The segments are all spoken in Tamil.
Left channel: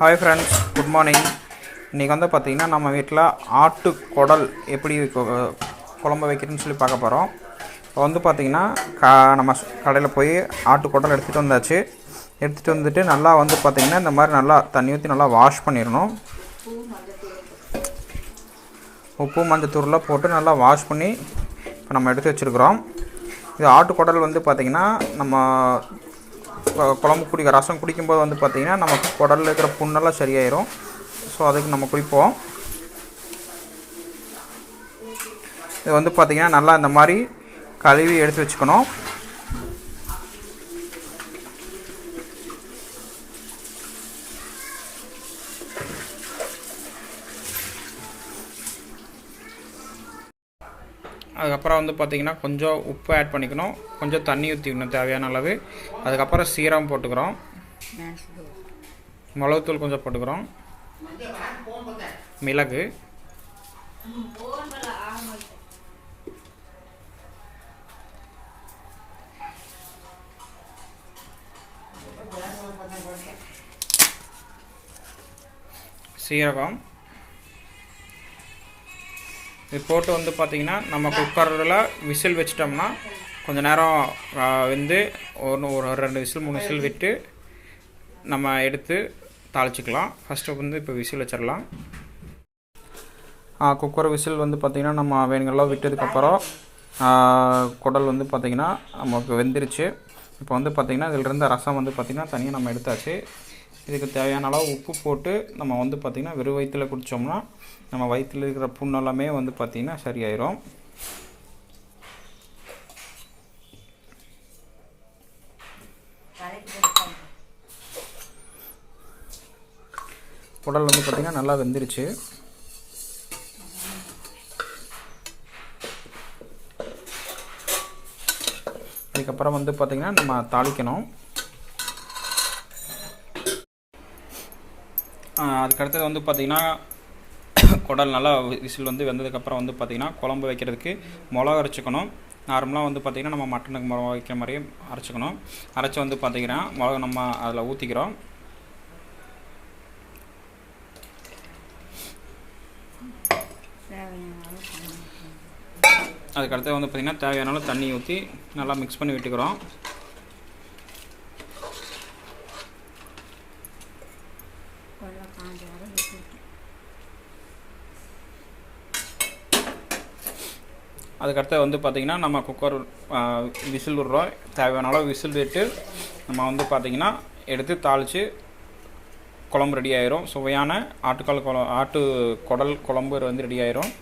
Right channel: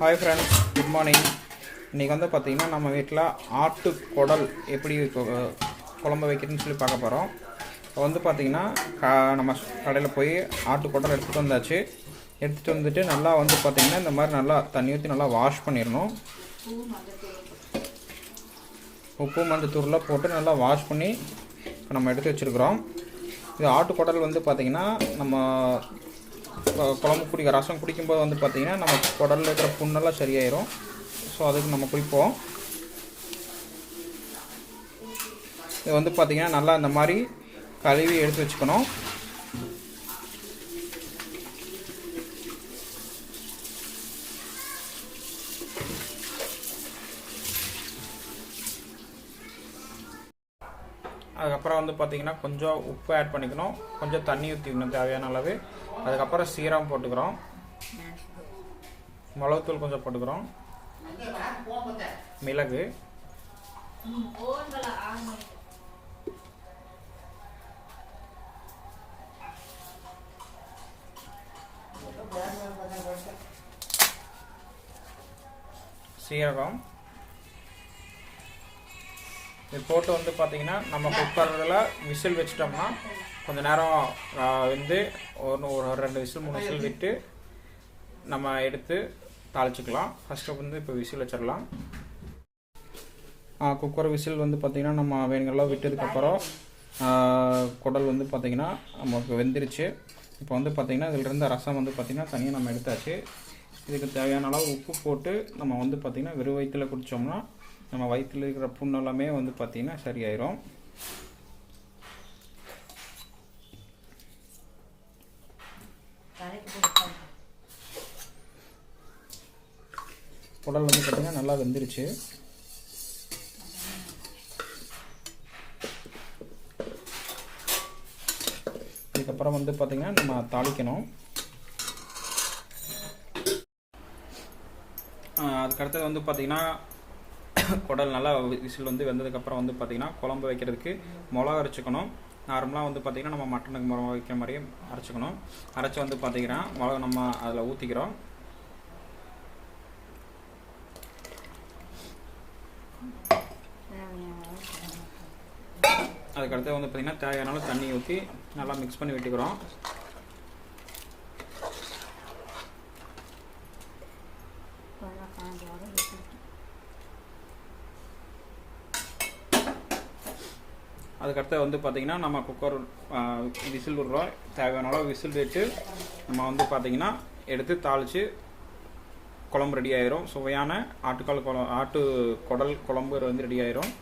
Hi friends, good morning. இன்றைக்கி வந்து பார்த்திங்கன்னா நம்ம வீட்டில் ஆட்டு குடல் எப்படி குழம்பு வைக்கிறதுன்னு சொல்லி பார்க்க போகிறோம். இப்போ வந்து பார்த்திங்கன்னா நம்ம கடையில் போய் ஆட்டு குடல் எடுத்துகிட்டு வந்தாச்சு. எடுத்துகிட்டு வந்துட்டு நல்லா வந்து பார்த்திங்கன்னா இந்த மாதிரி நல்லா தண்ணி ஊற்றி நல்லா வாஷ் பண்ணிடணும். உப்பு மஞ்சத்தூள்லாம் போட்டு நல்லா வாஷ் பண்ணி இப்போ நம்ம எடுத்து வச்சுருக்குறோம். இது ஆட்டு குடல் வந்து பார்த்திங்கன்னா நம்ம குழம்பு ரசம் குடிக்கும்போது வந்து பார்த்திங்கன்னா நம்ம குடலில் இருக்கிற புண்ணெல்லாம் சரியாயிரும். ஸோ அதுக்கு நம்ம குடிப்போம். இது வந்து பார்த்திங்கன்னா நல்லா இந்த மாதிரி கழுவி எடுத்து வச்சுக்கணும். அதுக்கப்புறம் வந்து பார்த்திங்கன்னா கொஞ்சம் உப்பு ஆட் பண்ணிக்கணும், கொஞ்சம் தண்ணி ஊற்றிக்கணும் தேவையான அளவு. அதுக்கப்புறம் சீரகம் போட்டுக்கிறோம், மிளகுத்தூள் கொஞ்சம் போட்டுக்கிறோம், மிளகு, சீரகம். இது போட்டு வந்து பார்த்திங்கன்னா நம்ம குக்கரில் விசில் வச்சிட்டோம்னா கொஞ்சம் நேரம் வந்து ஒரு 2 விசில் 3 விசில் விட்டு நம்ம எடுத்து தாளிச்சிக்கலாம். ஃபஸ்ட்டு வந்து இப்போ விசில் வச்சிடலாம். குக்கர் விசில் வந்து பார்த்திங்கன்னா நம்ம வேணுங்கெல்லாம் விட்டதுக்கப்புறம் குடல் வந்து பார்த்திங்கன்னா நமக்கு வெந்துருச்சு. இப்போ வந்து பார்த்திங்கன்னா இதில் இருந்த ரசம் வந்து பார்த்திங்கன்னா தனியாக நம்ம எடுத்தாச்சு. இதுக்கு தேவையான அளவு உப்பு போட்டு நம்ம வந்து பார்த்திங்கன்னா வெறும் வயிற்றில் குடித்தோம்னா நம்ம வயிற்றில் இருக்கிற புண்ணெல்லாமே வந்து பார்த்திங்கன்னா சரியாயிரும். குடல் வந்து பார்த்திங்கன்னா நல்லா வெந்துருச்சு. இதுக்கப்புறம் வந்து பார்த்திங்கன்னா நம்ம தாளிக்கணும். அதுக்கடுத்தது வந்து பார்த்திங்கன்னா குடல் நல்லா விசில் வந்து வெந்ததுக்கப்புறம் வந்து பார்த்திங்கன்னா குழம்பு வைக்கிறதுக்கு மிளகா அரைச்சிக்கணும். நார்மலாக வந்து பார்த்திங்கன்னா நம்ம மட்டனுக்கு மிளகா வைக்கிற மாதிரியே அரைச்சிக்கணும். அரைச்சி வந்து பார்த்திங்கன்னா மிளகா நம்ம அதில் ஊற்றிக்கிறோம். அதுக்கடுத்து வந்து பார்த்திங்கன்னா தேவையான அளவு தண்ணி ஊற்றி நல்லா மிக்ஸ் பண்ணி விட்டுக்கிறோம். அதுக்கடுத்து வந்து பார்த்திங்கன்னா நம்ம குக்கர் விசில் விடுறோம். தேவையான அளவு விசில் விட்டு நம்ம வந்து பார்த்திங்கன்னா எடுத்து தாளித்து குழம்பு ரெடி ஆயிரும். சுவையான ஆட்டு குடல் குழம்பு வந்து ரெடி ஆயிரும்.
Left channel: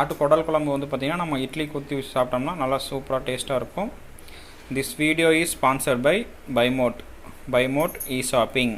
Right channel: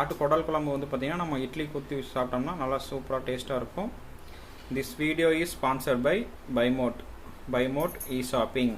ஆட்டு குடல் குழம்பு வந்து பார்த்திங்கன்னா நம்ம இட்லி ஊற்றி சாப்பிட்டோம்னா நல்லா சூப்பராக டேஸ்ட்டாக இருக்கும். This video is sponsored by பைமோட் இ ஷாப்பிங்.